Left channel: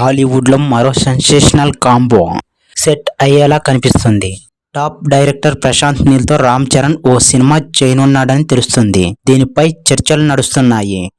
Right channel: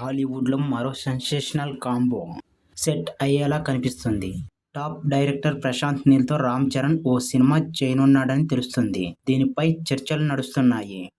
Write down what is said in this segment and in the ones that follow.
టాలీవుడ్లో మరో sensational combo set అయ్యేలా కనిపిస్తుంది. టాప్ డైరెక్టర్ ప్రశాంత్ నీల్తో రామ్ చరణ్ ఓ సినిమా చేయనున్నాడని తెలుస్తుంది. దీనిపై చర్చలు నడుస్తున్నాయి.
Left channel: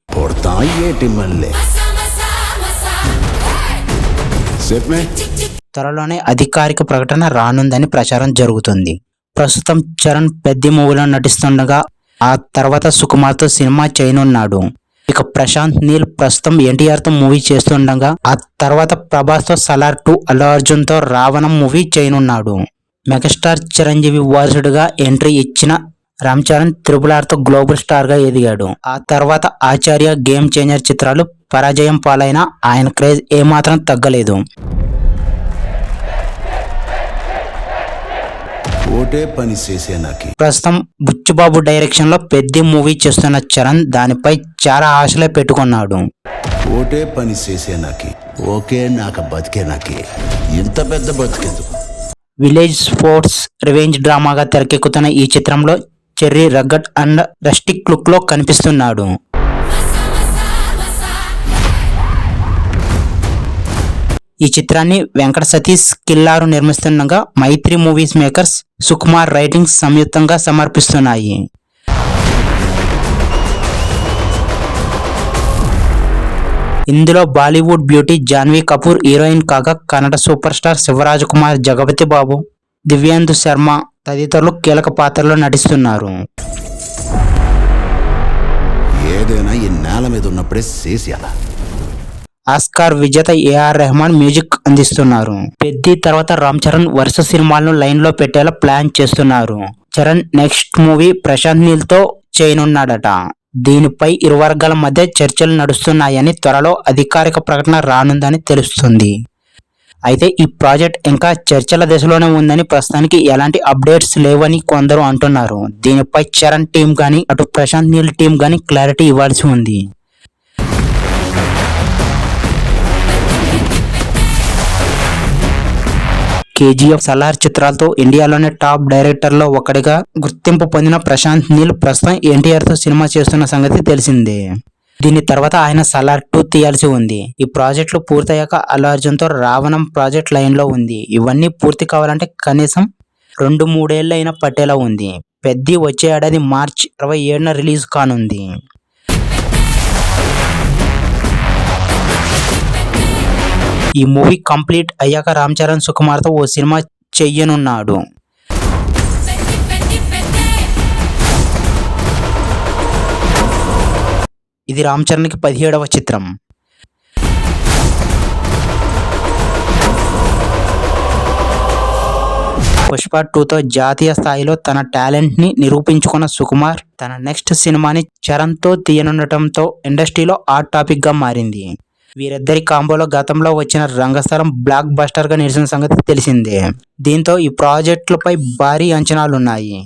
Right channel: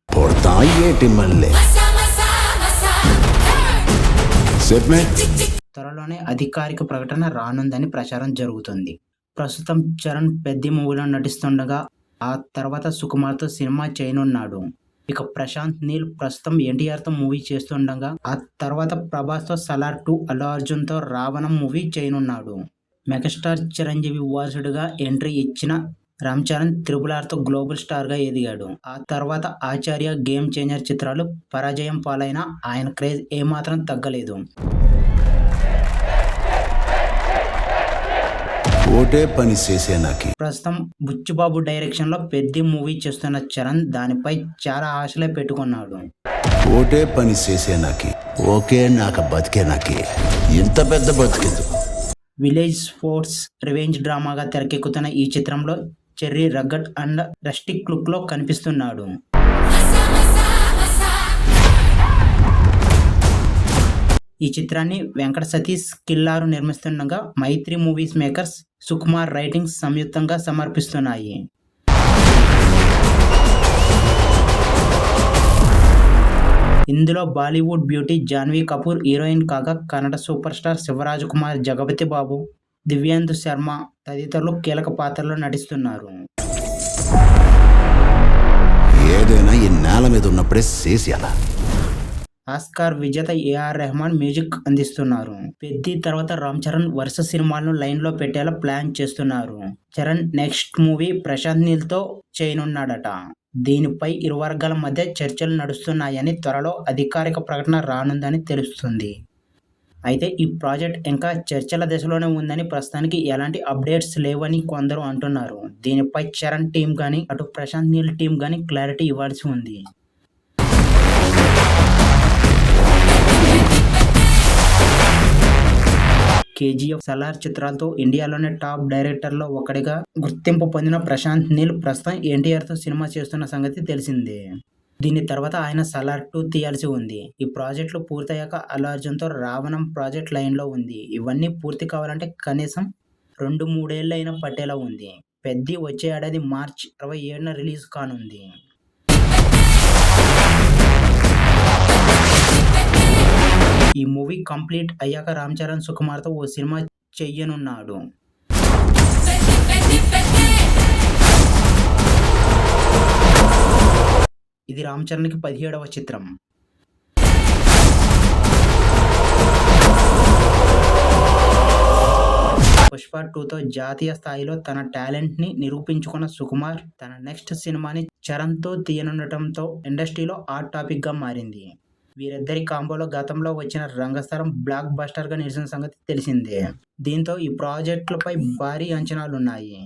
త్వరలోనే అధికారిక ప్రకటన రానుందని ప్రచారం జరుగుతుంది. ప్రస్తుతం చరణ్ పెద్ద మూవీలో నటిస్తుండగా ఆ తర్వాత సుకుమార్తో సినిమా చేయనున్నాడు. ఇక ప్రశాంత్ నీల్ ప్రస్తుతం ఎన్టీఆర్తో మూవీ చేస్తుండగా ఆ తర్వాత ప్రభాస్తో సలార్ టూ అల్లు అర్జున్తో రావణం మూవీ చేయనున్నాడు. మెగాస్టార్ చిరంజీవి వారసుడిగా ఎంట్రీ ఇచ్చిన రామ్ చరణ్ త్రిపుల్ ఆర్తో గ్లోబల్ స్టార్గా ఎదిగాడు. ఆ తర్వాత ఆచార్య గేమ్ చేంజర్ చిత్రాలు పరాజయం పాలైన ఆయన క్రేజ్ ఏమాత్రం తగ్గలేదు. ఓటే పని చేసే నాకి. ప్రస్తుతం బుచ్చుబాబు డైరెక్షన్లో పెద్ద మూవీ చేస్తున్న చరణ్ దానిపై చాలా ఆశలే పెట్టుకున్నాడు. ఓటే పని చేసే నాకి. ఓకే నాక బతికే నాకి. ఇంత పెద్ద బతికెందుకు? విలేజ్ స్పోర్ట్స్ రివెంజ్ డ్రామాగా తెరకెక్కుతున్న ఈ చిత్రంలో చెర్రీ రగ్గట్ అండ్ రస్టిక్ లుక్లో కనిపిస్తున్నాడు. ఈ చిత్రాన్ని Venkata Satish Killaru నిర్మిస్తుండగా Mythri movies makers Sukumar writings సంయుక్తంగా సమర్పిస్తున్నాయి. ఇందులో Bollywood beauty Janhvi Kapoor heroine కాగా కన్నడ సూపర్ స్టార్ శివరాజ్ కుమార్ జగపతి బాబు దివ్యాందు శర్మ తదితరులు కీలక పాత్రలో నటిస్తున్నారు. ఏదైనా ఈ నేల మీద ఉన్నప్పుడే చేసేయాలా? ఆస్కార్ విజేత ఏఆర్ రెహమాన్ మ్యూజిక్ అందిస్తున్నారు. పెద్ది తర్వాత రామ్ చరణ్ వరుస సినిమాలను లైన్లో పెట్టేలా ప్లాన్ చేస్తున్నారు. చరణ్ నెక్స్ట్ మూవీ ప్రశాంత్ నీల్తో చేయనున్నాడట. దీనిపై ఇరు వర్గాల మధ్య చర్చలు నడుస్తున్నాయని త్వరలో అధికారిక ప్రకటన రానుందని తెలుస్తుంది. అయితే ఈ ప్రాజెక్ట్ ఇంకా చర్చల దశలోనే ఉందని ప్రస్తుతానికి ఎలాంటి అప్డేట్స్ లేవని కొందరు అంటున్నారు. దీనిపై చరణ్ టీం కానీ అటు ప్రశాంత్ నీల్ టీం కానీ క్లారిటీ ఇవ్వాల్సి ఉంది. కేజీఎఫ్ సలార్ చిత్రాలతో ఇండియాలోనే టాప్ డైరెక్టర్లో ఒకటిగా గుర్తింపు పొందిన ప్రశాంత్ నీల్ ప్రస్తుతం ఎన్టీఆర్తో సినిమా చేస్తున్న సంగతి తెలిసిందే. దీని తర్వాత ఆయన సలార్ టూ తీయాల్సి ఉంది. ఈ ప్రాజెక్టులు పూర్తయ్యాక అల్లు అర్జున్తో రావణం ప్రాజెక్ట్ లైన్లో ఉంది. ఇవన్నీ పూర్తి కావాలంటే కనీసం రెండు మూడేళ్ళు అయినా పట్టేలా ఉంది. పెద్ది వచ్చే ఏడాది మార్చ్ ఇరవై ఏడున రిలీజ్ కానుంది. ఈ మూవీ కంప్లీట్ అయ్యాక రామ్ చరణ్ సుకుమార్తో ఓ సినిమా చెయ్యనున్నాడు. ఇది రామ్ చరణ్కి పదిహేడవ చిత్రం. పుష్ప టూతో జాతీయ స్థాయిలో తన టాలెంట్ని నిరూపించుకున్న సుకుమార్ తన నెక్స్ట్ సినిమాని చరణ్తో తీయనుండటంతో ఇండస్ట్రీలో హాట్ టాపిక్గా మారింది. వీరిద్దరి కాంబోలో గతంలో వచ్చిన రంగస్థలం బ్లాక్ బస్టర్గా నిలిచిన సంగతి తెలిసిందే. దీంతో ఈ ప్రాజెక్టులపై భారీ అంచనాలున్నాయి.